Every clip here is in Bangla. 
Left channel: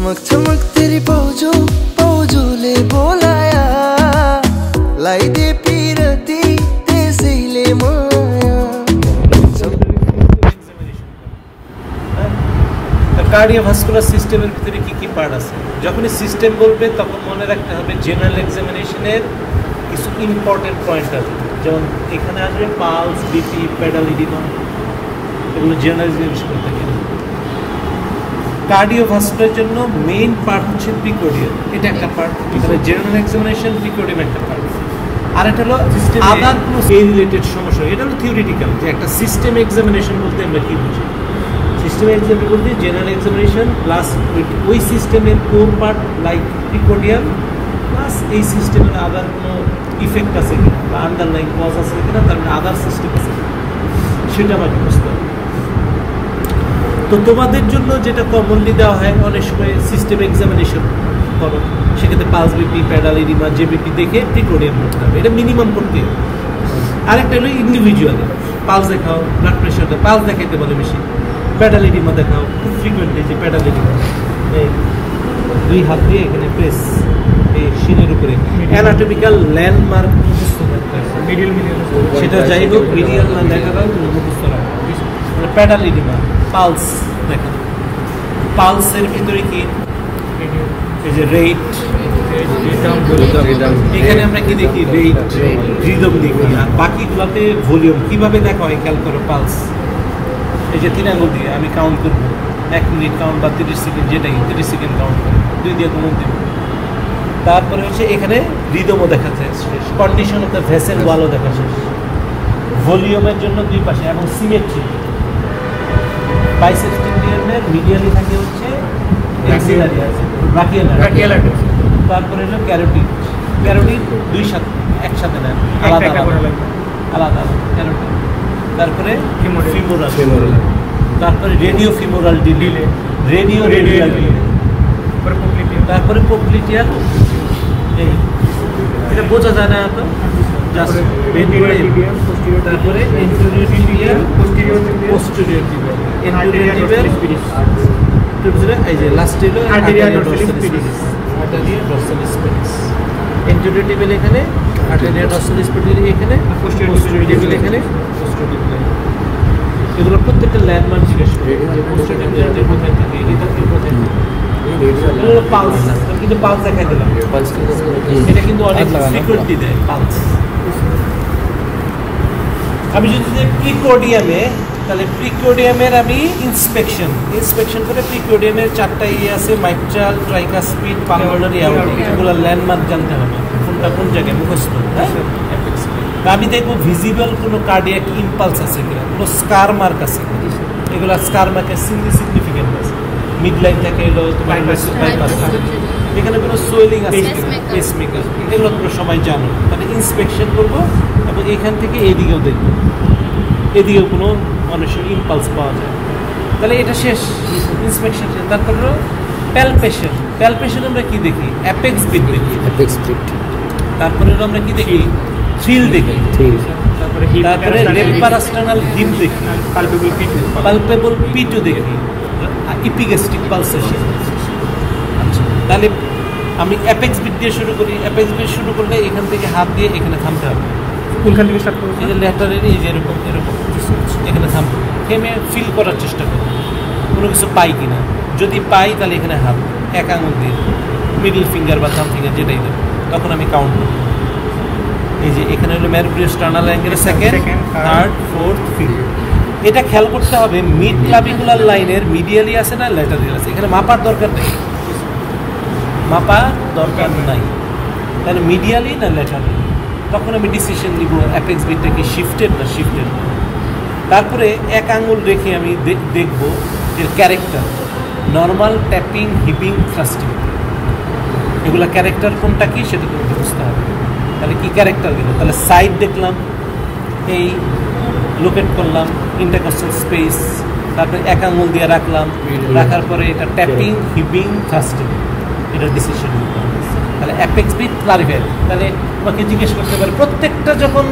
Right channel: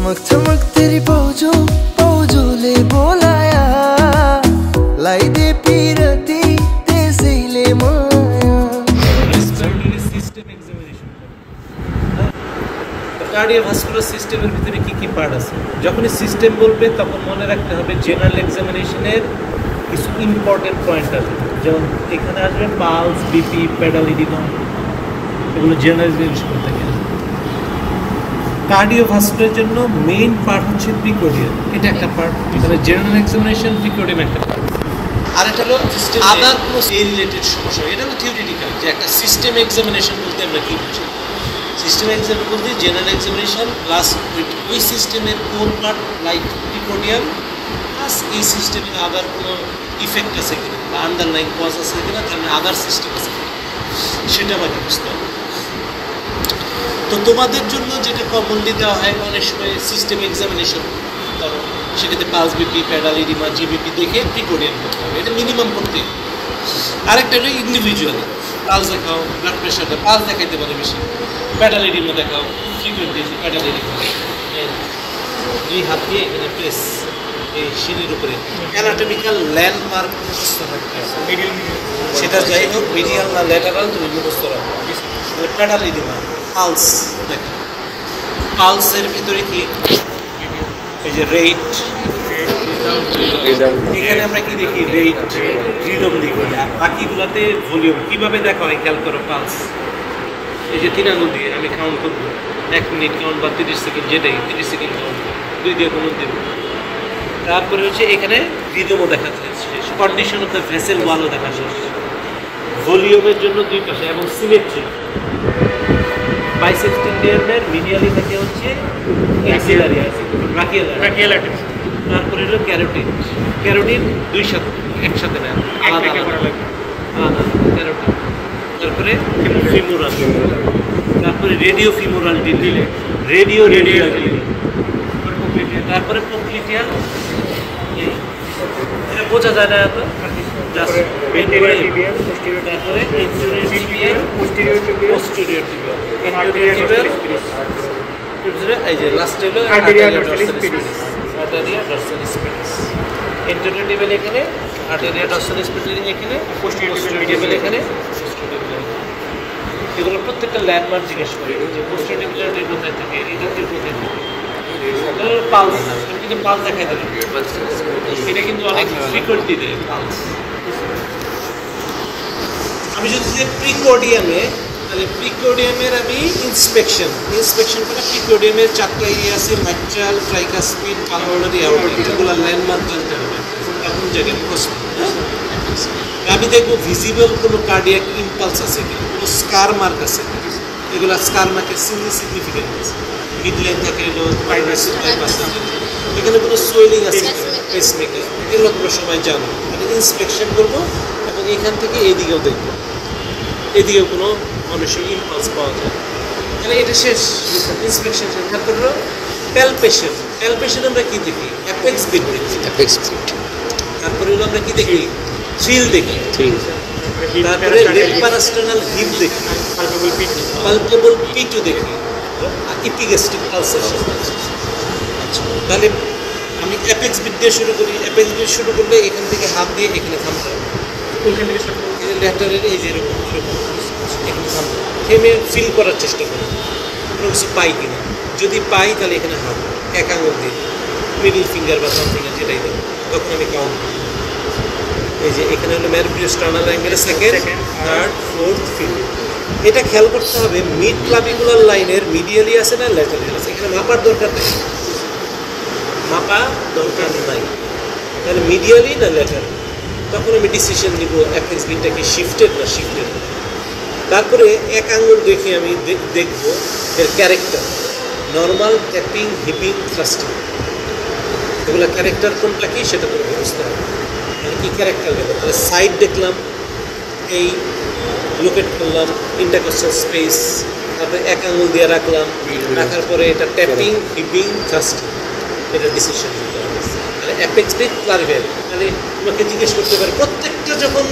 चमक चमक तेरी पौजो ले बोलाया लाई दे पीरती तेजी ले माया কার্ডিওভাস্কুলার সিস্টেমের ভিতরে কি কি পার্ট আছে যখনই সিস্টেম বলবে তখন মনে রাখতে হবে জেনারেল এক্সামিনেশনের কিছু ইম্পর্টেন্ট পয়েন্ট আছে যেমন এখানে আসবে পালস বিপি পেডাল ইডিমা ওগুলো জেনারেল জিনিস করতে থাকে কার্ডিওভাস্কুলারের জন্য মেইন পার্ট হচ্ছে প্রিকোর্ডিয়াম এটা একটা পার্ট তাহলে জেনারেল এক্সামিনেশন প্রিকোর্ডিয়াম একটা পার্ট আর এটা হলো আদার কোনো এই রিলেটেড সমস্যা এটা হলো থিওরিটিক্যাল যে একটা সিস্টেম এক্সামিনেশন বলতে আমরা কি বুঝি সিস্টেম এক্সাম বলতে জেনারেল এক্সামিনেশন প্লাস ওই সিস্টেমের কোর পার্ট লাইক প্রিকোর্ডিয়াম প্লাস এই সিস্টেমের আদার কোনো ইফেক্ট আছে কিনা বা আন্ডারলাইন কজ আছে কিনা তার মানে আদার সিস্টেম আছে কিনা সেটা আমাকে বুঝতে হবে তো তোমাদের জন্য যেটা কমনলি দেওয়া হয় অনেক সময় সিস্টেম এক্সামিনেশন করো সেক্ষেত্রে পালস বিপি প্যাডাল ইডিমা জেবিপি দেখে প্রিকোর্ডিয়াম করতে হবে এটা মিনিমাম করতে হবে আরেকটা হলো ইন্ডিভিজুয়াল পালস দেখাও ব্লাড প্রেশার পালস দেখাইতে বলে বেশি প্যাডাল ইডিমা দেখাও খুব ফ্রিকুয়েন্টলি যে প্যাডাল ইডিমা দুই হাত দিয়ে এখানে প্রেস এই শিনের উপরে অ্যানাটমিক্যাল ল্যান্ডমার্ক সেটা যাই হোক মিডিয়াল না ল্যাটারাল তুমি মুখস্থ রাখো তাহলে প্যাডাল ইডিমা পালস দেখা পালসের ভিতরে কি এই যে রেট এখানে আমরা কি দেখি রেট রিদম দেখি আর বাকিগুলোতে ভলিউম কীভাবে দেখা হয় খেয়াল করো পালস এই যে 93 দিয়ে আমি কাউন্ট করবো 1 মিনিট কাউন্ট বা 30 সেকেন্ড যেটাই 30 সেকেন্ড কাউন্ট করবো 2 দিয়ে কোনো দিব তারপরে হচ্ছে এখানে রিদমও দেখা যায় কন্ডিশন অফ দ্য ভেসেল ওয়ালও দেখা শেষ ভলিউমের জন্য দুই পাশে এবং সিমেট্রি বাইসেপস টেন্ডনের মিডিয়ালি থাকে হচ্ছে ব্রাকিয়াল তারপরে হলো ক্যারোটিড দুই সাথে একসাথে না আলাদা ক্যারোটিড তারপরে ফিমোরাল তারপরে রেডিও ফিমোরাল ডিলে রেডিও তারপরে পোপ্লিটিয়াল এটা বোঝা যায় না এত তারপরে পোস্টেরিয়র টিবিয়াল এই যে লাস্টে হলো আর্টেরিয়া ডরসাল স্পিডিস এন্টেরিয়র টিবিয়াল এখানে আর্টেরিয়া ডরসাল স্পিডিস এখানে পোস্টেরিয়র টিবিয়াল এখানে এগুলো প্রত্যেকটা ল্যান্ডমার্ক জিজ্ঞেস করে যে পোস্টেরিয়র টিবিয়াল কোথায় থাকে এটা কি কোথায় থাকে পালস কিন্তু পালস দেখাই দিলাম এটা কিন্তু অনেক ফ্রিকোয়েন্টলি দেয় পালস আমি যদি প্রিকোর্ডিয়ামে তাহলে প্রিকোর্ডিয়ামের আমি ইন্সপেকশন করে প্রিকোর্ডিয়ামের 4টা এরিয়া আছে মাইট্রাল ট্রাইকাসপিড পালমোনারি অ্যাওর্টা এগুলো ল্যান্ডমার্ক জানতে হবে কোনটা কোন জায়গায় মুখস্থ হ্যাঁ আমি দেখবো ভিজিবল কোনো কার্ডিয়াক ইম্পালস আছে কিনা কোনো স্কার মার্ক আছে এগুলো স্কার মার্কের সিগনিফিকেন্ট আছে মিড লাইন থাকে এখানে কোনো সোয়েলিং আছে পেসমেকার এগুলো তোমরা সবাই জানো তাহলে ইন্সপেকশন করবো এবং এখান থেকে এইদিকেও দেখবো এদিকেও কোনো অনেক সময় ইম্পালস পাওয়া যায় তাহলে এটা শেষ ইন্সপেকশন শেষ তারপর হলো প্যালপেশন আমরা কী দেখি অ্যাপেক্স বিট দেখি তারপরে হলো আমরা কী দেখি থ্রিল দেখি তারপরে রেপারাস্টার্নাল হিপ দেখি পালপেবল পিটু দেখি ইপিগ্যাস্ট্রিক পালসেশন তাহলে আমি অ্যাপেক্স বিট দিয়ে শুরু করি অ্যাপেক্স বিট শুরু করলে এখান থেকে হাত দিয়ে এখানে থামতে হবে কোনখান থেকে স্টার্ট করবো এই ল্যাটারালি এই যে এরকম এখানে থামতে থেমে ফিল করার চেষ্টা করি কোনো কিছু পাই কিনা যদি পাই তাহলে এখানে হাত এক আঙুল দিয়ে মিডল ফিঙ্গার বা থাম ফিঙ্গার যেটাই দেবো তখন আমি কাউন্ট করব এই যে এখানে হলো manubriosternal angle second third fourth fifth এটা খেয়াল করতে হবে মিড ক্লাভিকুলার লাইনের মিডিয়ালি আছে না ল্যাটারালি আছে এখানে মাপার দরকার নাই তাহলে মিডিয়ালি না ল্যাটারালি তখন আমি ডিসিশন নিব অ্যাপেক্স বিটটা কি শিফটেড না শিফটেড তারপরে এক আঙুল রেখে আমি দেখব এর ক্যারেক্টার নর্মাল ট্যাপিং হিপিং থ্রাস্টিং এগুলো ক্যারেক্টার কোনটা কি সেটা তোমাকে বুঝতে হবে তাহলে কী ক্যারেক্টার গেল তাহলে সাইড দেখলাম এই লোকেট করলাম ইন্টারকস্টাল স্পেস তারপরে এক আঙুল দিয়ে রাখার পরে এটা ট্যাপিং হিপিং থ্রাস্টিং এটা ডিসিশন নিতে হবে তাহলে অ্যাপেক্স বিট ক্লারিফাই তাহলে তোমাকে জিজ্ঞেস করতে পারে প্রত্যেকটা যখন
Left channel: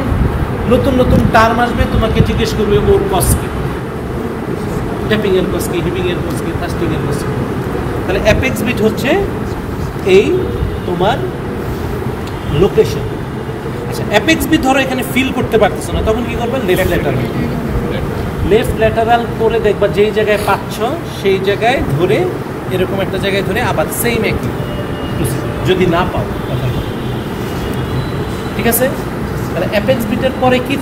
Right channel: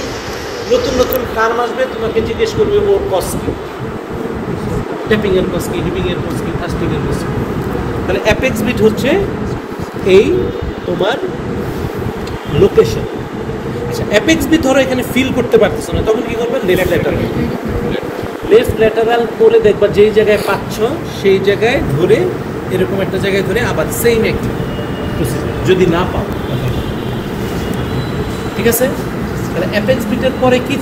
নতুন টার্ম আসবে তোমাকে জিজ্ঞেস করবে ওর কস কি ট্যাপিংয়ের কস কি হিপিংয়ের কস কি থ্রাস্টিংয়ের কস কি তাহলে অ্যাপেক্স বিট হচ্ছে এই তোমার লোকেশন। আচ্ছা, অ্যাপেক্স বিট ধরো এখানে ফিল করতে পারতেছো না, তখন কি করবে? লেফট ল্যাটারাল করে দেখবা যেই জায়গায় পাচ্ছ সেই জায়গায় ধরে, এরকম একটা জায়গায় ধরে আবার সেম একটি যদি না পাও, ঠিক আছে? অ্যাপেক্স বিটের পরে কি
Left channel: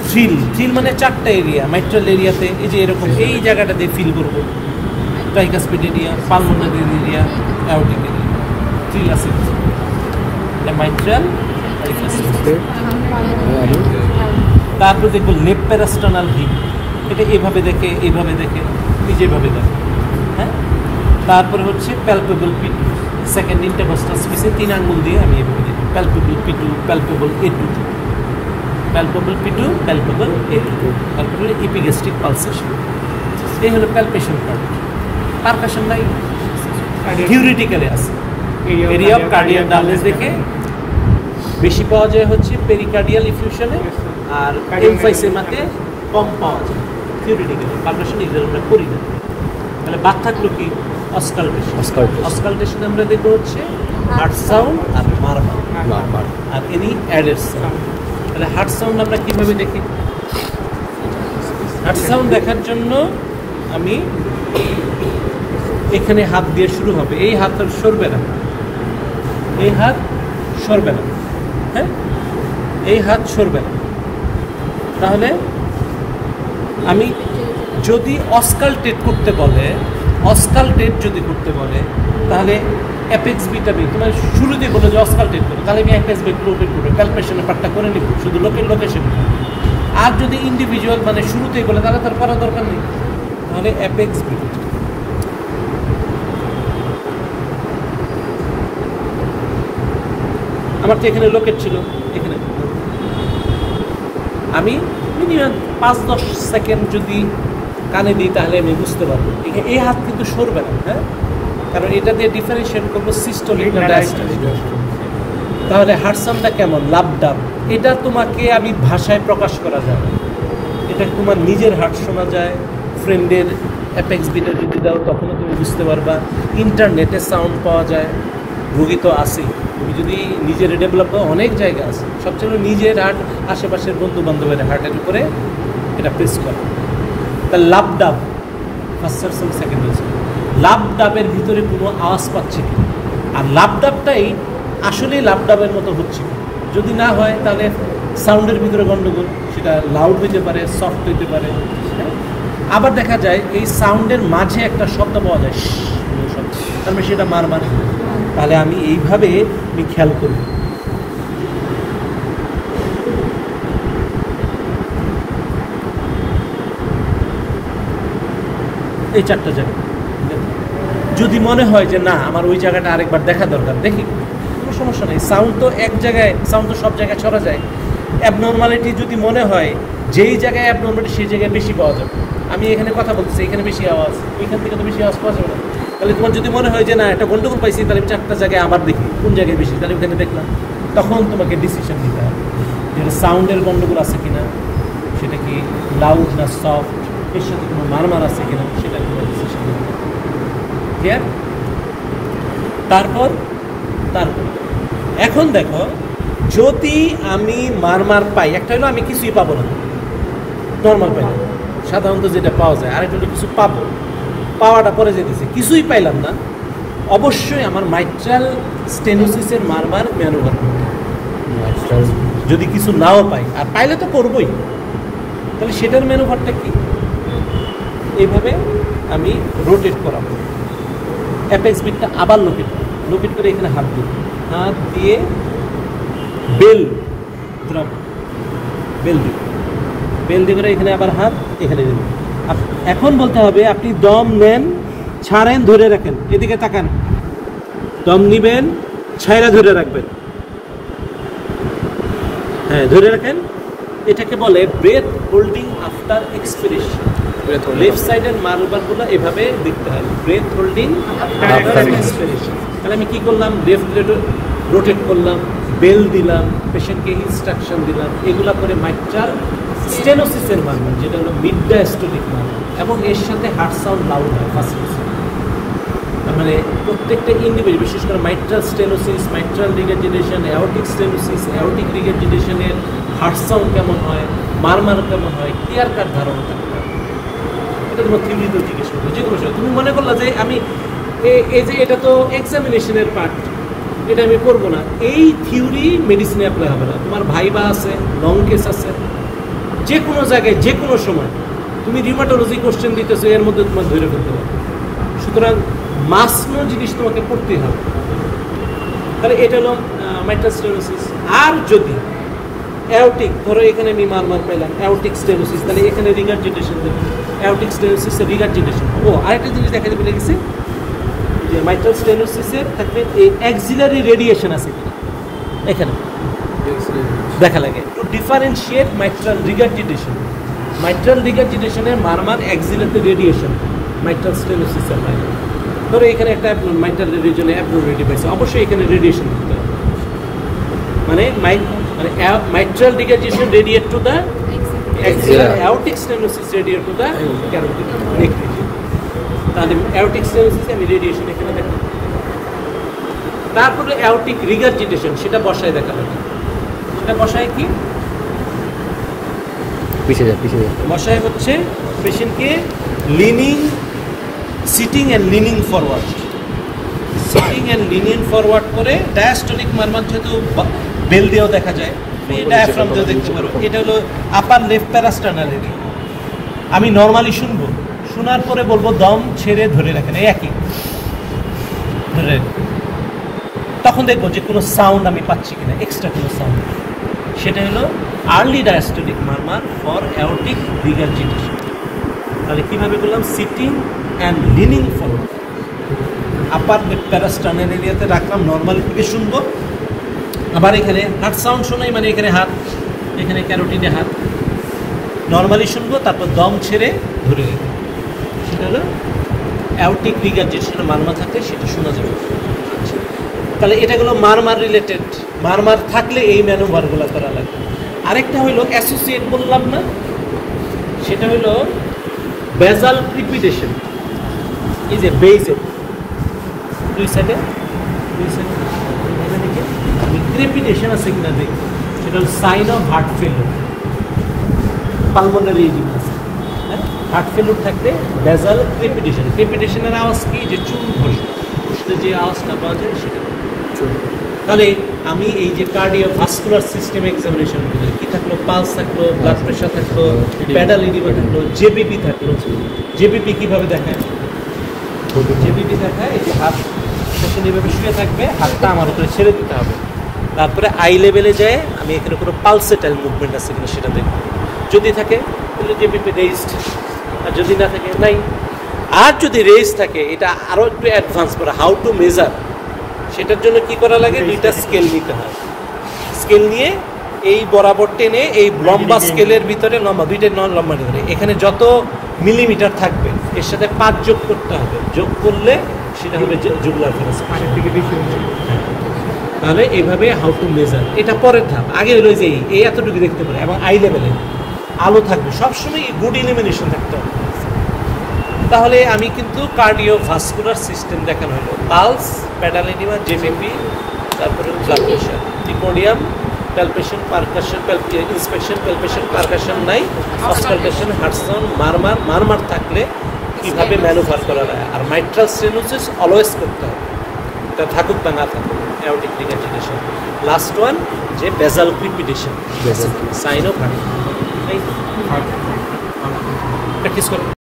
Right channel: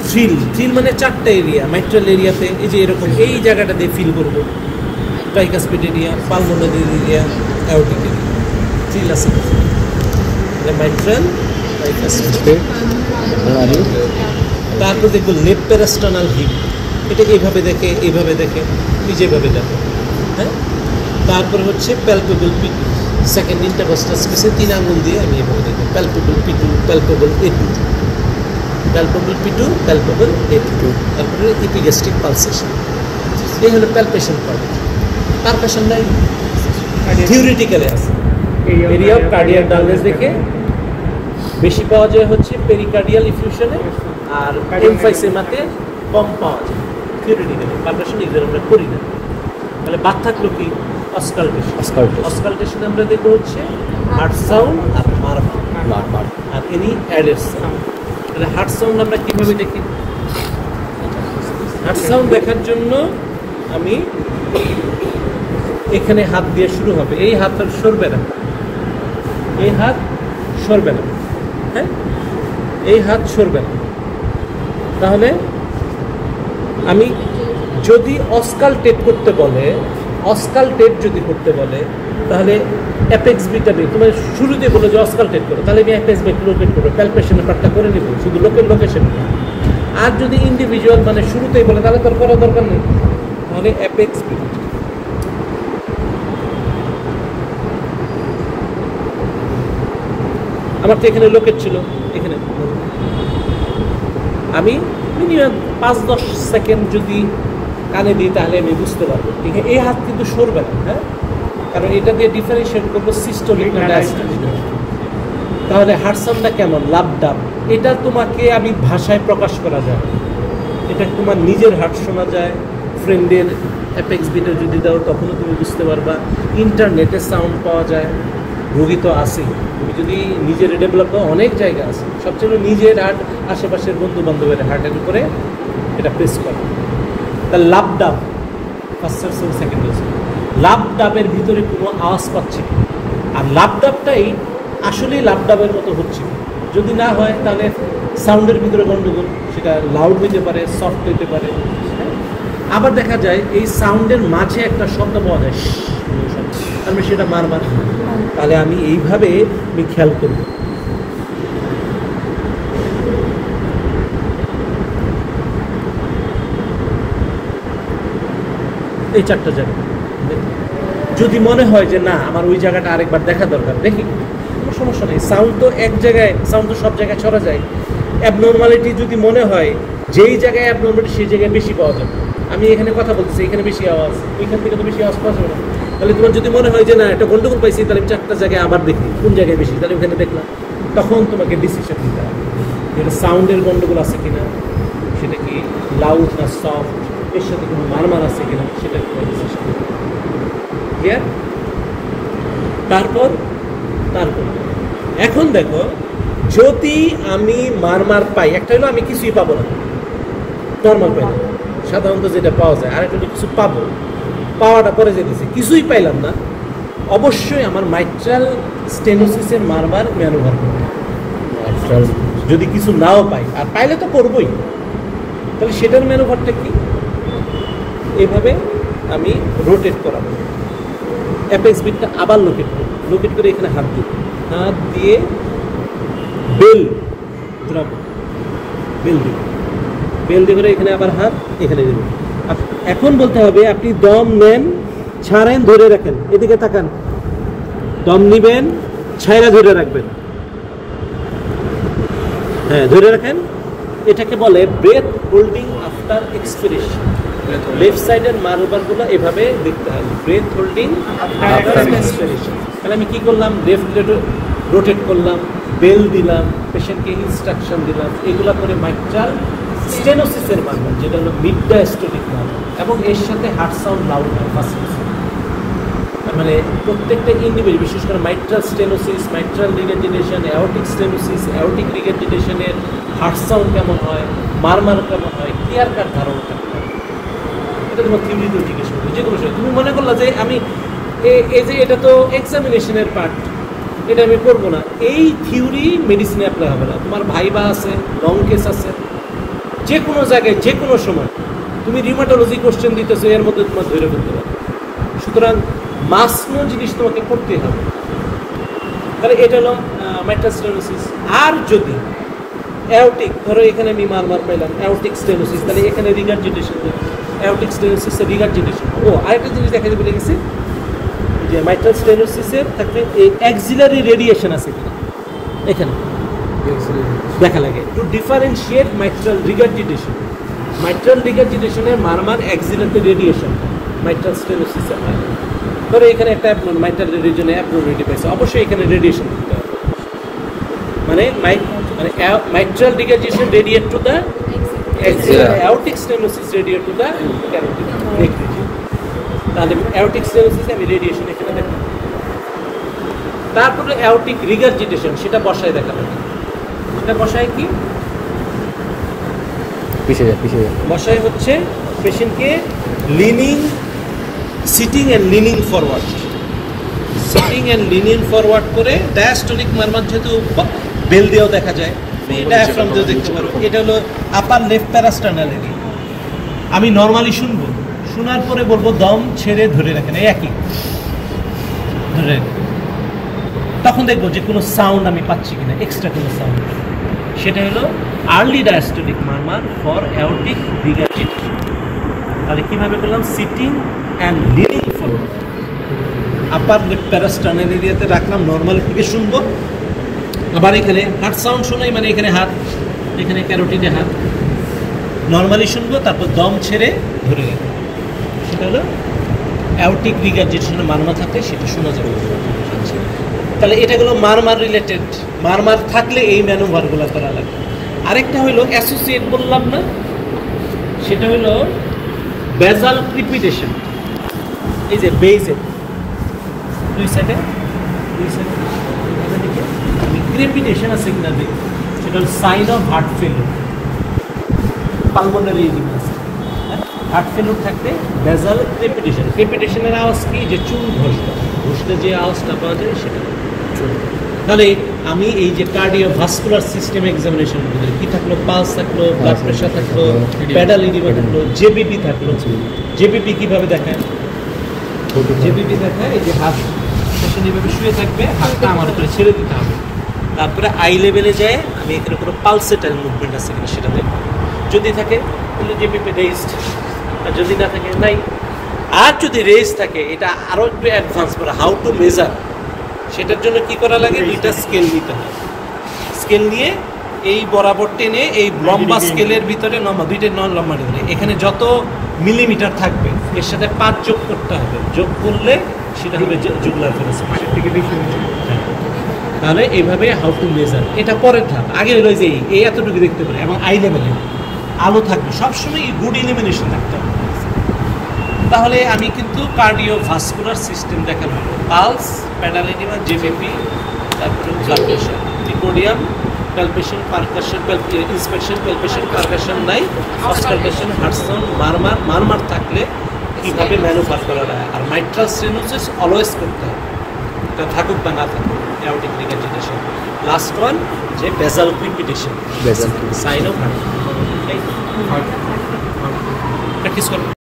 ফিল মানে চারটা এরিয়া, মাইট্রাল এরিয়াতে এই যে এরকম এই জায়গাটা দিয়ে ফিল করবো, tricuspid area, pulmonary area, aortic area, feel আছে মাইট্রাল। তারপর দেখবো লেফট প্যারাস্টার্নাল হিপ, এটা এইভাবে দেখে, এইভাবে দেখে, যেভাবে দেখে, হ্যাঁ। তারপরে হচ্ছে প্যালপেবল পিটু, সেকেন্ড ইন্টারকস্টাল স্পেসে 3 আঙ্গুল দিয়ে আমি এইভাবে দেখি, প্যালপেবল পিটু, প্যালপেবল এটু, প্যালপেবল পিটু, প্যালপেবল এটু। তারপরে ইপিগ্যাস্ট্রিক পালসেশন, এই হলো প্যালপেশন। পারকাশন নাই, থিওরিটিক্যালি আছে। এরিয়া অফ কার্ডিয়াক ডালনেস দেখে বেশি পাওয়া যায় হচ্ছে পেরিকার্ডিয়াল ইফিউশনে, আর এমফাইসেমাতে কম পাওয়া যায় থিওরিটিক্যালি। পারকাশন এগুলো আমরা করি না। তাহলে বাদ থাকলো কি? অস্কালটেশন আমরা দেখবো হচ্ছে হার্ট সাউন্ড আর মারমার আর এনি অ্যাডেড সাউন্ড। তাহলে হার্ট সাউন্ড আমরা কীভাবে দেখি? হার্ট সাউন্ড দেখার জন্য আমি এখানে হাত দিয়ে শুরু হবে, এই হাত সরবে না, এই হাত সরবে না, হ্যাঁ, এই হাত সরবে না। তাহলে আমি যদি অস্কালটেট করতে বলে, অস্কালটেট যদি করতে বলে, তাহলে অ্যাপেক্স বিট আমি তোমার শুরুতে বলে যে অস্কালটেট করো, তাহলে আমি অ্যাপেক্স বিট লোকেট করবো, প্যালপেশনের পার্টটা করে নিব, শুধু লোকেশন। আর যদি ইন্ডিভিজুয়াল মানে শুরুতেই বলে, তাহলে তোর করার দরকার নেই। তাহলে অ্যাপেক্স বিট আমার তো এখানে লোকেট ছিল, এখানে আমি মিনিমাম 5-10 সেকেন্ড যদি কানে দিই তাহলে আমি বুঝতে পারবো। এই হাত কিন্তু সরবে না, হ্যাঁ, কারণ এটা দিয়ে ডিফারেন্সিয়েট করবো সিস্টোলিক না ডায়াস্টোলিক। তাহলে হার্ট সাউন্ডটা কেমন? লাভ ডাব। এটা তোমাকে আমি ভাষায় প্রকাশ করা যায়, এটা তোমার নিজের হার্ট শোনা যায়, ফ্রেন্ডের অ্যাপেক্স বিটও যদি দাও তখনও তুমি বুঝতে পারবা। ইন্টারনেটে সাউন্ড পাওয়া যায়, রোগী তো আসেই, তুমি যদি নিজের ডেভেলপ করো অনেক জায়গা আছে, সবচেয়ে নিজের হার্ট, আশেপাশের বন্ধু বান্ধবের হার্টের উপরে এটা পেস করে। তা লাভ ডাব ফার্স্ট সেকেন্ড লাভ ডাবের ভিতরে কোনো আওয়াজ পাচ্ছে কি, আর লাভ ডাবটাই আসলেই লাভ ডাবের মতো হচ্ছে। যদি না হয় তাহলে সাউন্ডের ভিতরে গন্ডগোল, সেটা লাউড হইতে পারে, সফট হইতে পারে। আবার দেখা যায় এই সাউন্ডের মাঝে একটা শব্দ পাওয়া যায়, আমি সেটা বারবার, তাহলে আমি এইভাবে আমি খেয়াল করব। এই 4টা জায়গা যদি মনে হয় যে না আমার ওই জায়গাটা আরেকবার দেখা দরকার, দেখি, সমস্যা নেই। সাউন্ড তো এক জায়গায়, সাউন্ড তো সব জায়গায় ছড়া যায়। অ্যাবনর্মালিটি যদি মনে হয় যেই জায়গায় অ্যাবনর্মালিটি সেই জায়গায় বেশি পাওয়া যায়, আমি এখানে কথা বলছি, এখানে বেশি আওয়াজ, এখান থেকে তো বেশি আওয়াজ পাওয়া যাবে। তাহলে তোমার যদি মনে হয় যে না একটা গন্ডগোল পাইছি, তাহলে আমি 4টা জায়গায় আবার দেখি কোন জায়গায় বেশি, তাহলে ওখানে দেখলাম। তখন তোমাকে ডিসিশন নিতে হবে যে সাউন্ডের গন্ডগোল আছে কিনা, সেটা কি লাউড না সফট, এর সাথে কোনো মারমার আছে কিনা, সেটা ডিসিশন নিতে হবে। ক্লিয়ার? তারপর এখন দেখো, যদি আমি মারমার পাই, একটা হলো আমি কিছুই পাবো না, নর্মাল পাই, সাধারণত যেটা পাওয়া যায়, আর একটা কিছু পাবো, পাওয়াটা পরে যেতেছে, কিছুই পাইলাম না, অবশ্যই আমার মাইট্রাল স্টেনোসিসের মারমার ম্যানোভার করতে। যদি কিছু নাও পাই, আর পাইলে তো করবোই, তাহলে সেটার ম্যানোভারটা কি? এইভাবে আমি রোটেট করাবো, অ্যাপেক্স বিটটা আবার লোকেট করে এখানে হাত দিয়ে বেল দিয়ে এখানে আবার হাত এখানে দেবেন। এখন বলতে হবে আপনি দম নেন, ছাড়েন, ধরে রাখেন, এদিকে তাকান, দম নিবেন, ছাইরা ধরে রাখবেন, হ্যাঁ ধরে রাখেন। এটাকে বলে breath holding after expiration. Left সাইডের মারবারগুলো এভাবে দেখতে হবে, ব্রেথ হোল্ডিং আফটার এক্সপিরেশন। তাহলে আমি কি করলাম? লেফট রোটেট করলাম, বেল দিলাম, পেশেন্টকে ইনস্ট্রাকশন দিলাম, এগুলা করে মাইট্রাল স্টেনোসিসের মারবার, যেটা হলো মিড ডায়াস্টোলিক মারবার, এবং এর সাথে হার্ট সাউন্ড লাউড হয়। মানে প্রত্যেকটা ইন্ডিভিজুয়াল, বিশেষ করে mitral stenosis, mitral regurgitation, aortic stenosis, aortic রিগেটিটেশনের হার্ট সাউন্ড কেমন হয়, মারমার কেমন হয়, ক্লিয়ার কাট ধারণা থাকতে হবে। এটা কোনো থিওরিতেও জিজ্ঞেস করবো, যে কোনো সময় তুমি মনে করলো যে আমি এই যে এটা তো এক্সামিনেশনের পার্ট, এটা আমি করবো না, এই থিওরি মেডিসিনে অ্যাপ্লাই হবে না। তোমার ভাইবা আছে, লং কেস আছে, যে কোনো জায়গায় যে কোনো সময় তুমি রিমাটোলজি কোশ্চেন দিতেছো, এর মধ্যে তোমার ধরে ফেলতে হবে। সুতরাং মাসনো জিনিস তোমাকে করতে হবে। তাহলে এটা হলো মাইট্রাল স্টেনোসিস। আর যদি অ্যাওর্টিক, ধরো এখানে আমি মারমার পেলাম, অ্যাওর্টিক স্টেনোসিস, তাহলে এখানে রিগার্জিটেশন দেখবে, অ্যাওর্টিক স্টেনোসিসের রিগার্জিটেশন। আরেকটা জিনিস দেখাতে বলে গেছি, যে মাইট্রাল স্টেনোসিসের থাকবে এই অ্যাক্সিলারি রেডিয়েশন আছে কিনা এখানে দেখা লাগে। ডিফারেন্সিয়েট মাইট্রাল রিগার্জিটেশন, মাইট্রাল রিগার্জিটেশনের murmur axillary radiation mitral stenosis. ধরো এখানে একটা মাইট্রাল রিজনে অ্যাবনর্মালিটি পাইছে, অবশ্যই এখানে রেডিয়েশন থাকবে। মানে mitral regurgitation radiate to the axillary, aortic stenosis radiate to the carotid. তাহলে অ্যাওর্টিক স্টেনোসিস এন্ড রেডিয়েশন এখানে দেখো। তারপরে অ্যাওর্টিক রিগার্জিটেশন, সেটা বসায় দেখাবো। সেটা বসায় কি? বসায় হচ্ছে পেশেন্টকে leaning, sitting and leaning forward, sitting and leaning forward করে ডায়াস্টোলিক মারমার, যেহেতু বেল দিয়েও দেখা যায়, ডায়াফ্রাম দিয়েও দেখতে পারো। এটা হলো আপার লেফট প্যারাস্টার্নাল এরিয়া। আমি নর্মালি শুনবো, শোনার পরে বলবো দম ছেড়ে ধরে রাখেন, একই ধরে, তখন দেখবো যে কোনো সাউন্ড আমি পাচ্ছি কিনা, এক্সট্রা কোনো সাউন্ড। সেটা হলো early diastolic murmur for aortic regurgitation. তাহলে কীভাবে বললাম? Sitting and leaning forward, upper left parasternal এরিয়াতে রাখলাম, নর্মাল থেকে শুনবো। আবার এখানে হার্ট সাউন্ড শোনাই, মানে এখানে হার্ট, এখানে ক্যারোটিডে হার্ট, নর্মালি শুনবো, তারপর দম ছেড়ে ধরে রাখবো। সেটা হলো অ্যাওর্টিক রিগার্জিটেশনের মারমার থাকে, সেটা শোনা যাবে। তাহলে এটা হলো মারমার রিলেটেড, মারমার থাকলে এই ম্যানোভারগুলো করা লাগবে। আরেকটা হলো অ্যাসোসিয়েট বললাম না, সেটা হলো বেজাল ক্রিপিটেশন। এই যে বেজেল দুই সাইডে ক্রিপিটেশন আছে কিনা দেখি, সেটা হলো sign of heart failure, pulmonary oedema আছে। হার্ট ফেলিওর থাকলে বেজাল ক্রিপিটেশন। ক্রিপিটেশনের আওয়াজ কি? যে চুল ঘষলে যে আওয়াজটা পাওয়া যায় সেটা। তাহলে আমি এই যে কার্ডিওভাস্কুলার সিস্টেম এক্সামিনেশন করি, কি থাকলো? পালস থাকলো, ব্লাড প্রেশার থাকলো, প্যাডাল এডিমা থাকলো, জেবিপি থাকলো। জেবিপি কিভাবে দেখায়? জেবিপি দেখায় এই যে হাত পেশেন্ট এইভাবে শুয়ে থাকবে, হাতটা আমার উপরে ছেড়ে দিতে হবে। তারপরে আই লেভেলে যায়, আমি এখানে কোনো পালসেটাইল মুভমেন্ট আছে কিনা সেটা দেখব। যদি থাকে তাহলে জেবিপি রেজড, আর যদি না থাকে নাই। আর যদি রেজ থাকে, এটা আরও একটু অ্যাডভান্স করা, হাউ টু মেজার, সেটার জন্য কি করা লাগে? দুইটা স্কেল নিতে হয়। স্কেল নিয়ে এই বরাবর টেনে এই লম্বা স্কেলের ভিতরে লম্বা, দুইটা নন লম্বা নিতে, এখানে যত মিলিমিটার থাকবে এর সাথে 5 যোগ করতে হবে। যোগ করলে সেটা হবে জুগুলার ফোরাস। তাহলে এইভাবে হাউ টু মেজার, এটা পরের ধাপ। আগে হলো যে এই এতটুকু দেখতে পারে, এবং আই লেভেলে আলো থাকবে, সবসময় গুড ইলিমিনেশন থাকতে হবে। তাহলে আমি কিন্তু কার্ডিওভাস্কুলার সিস্টেম দেখানো হলো, পালস, প্যাডাল এডিমা, জেবিপি, তারপরে blood pressure, precordium, palpation, percussion, inspection, palpation, percussion নাই, অসকালটেশন, হার্ট সাউন্ড, মারমার থাকলে কীভাবে ম্যানুভার করা যায়। আর মাইট্রাল স্টেনোসিস অলওয়েজ করতে হবে, তা থাকুক বা না থাকুক। অ্যাওর্টিক রিগার্জিটেশন, লাস্ট ওয়ান যে বেজাল crepitation, sign of heart. Practice করো।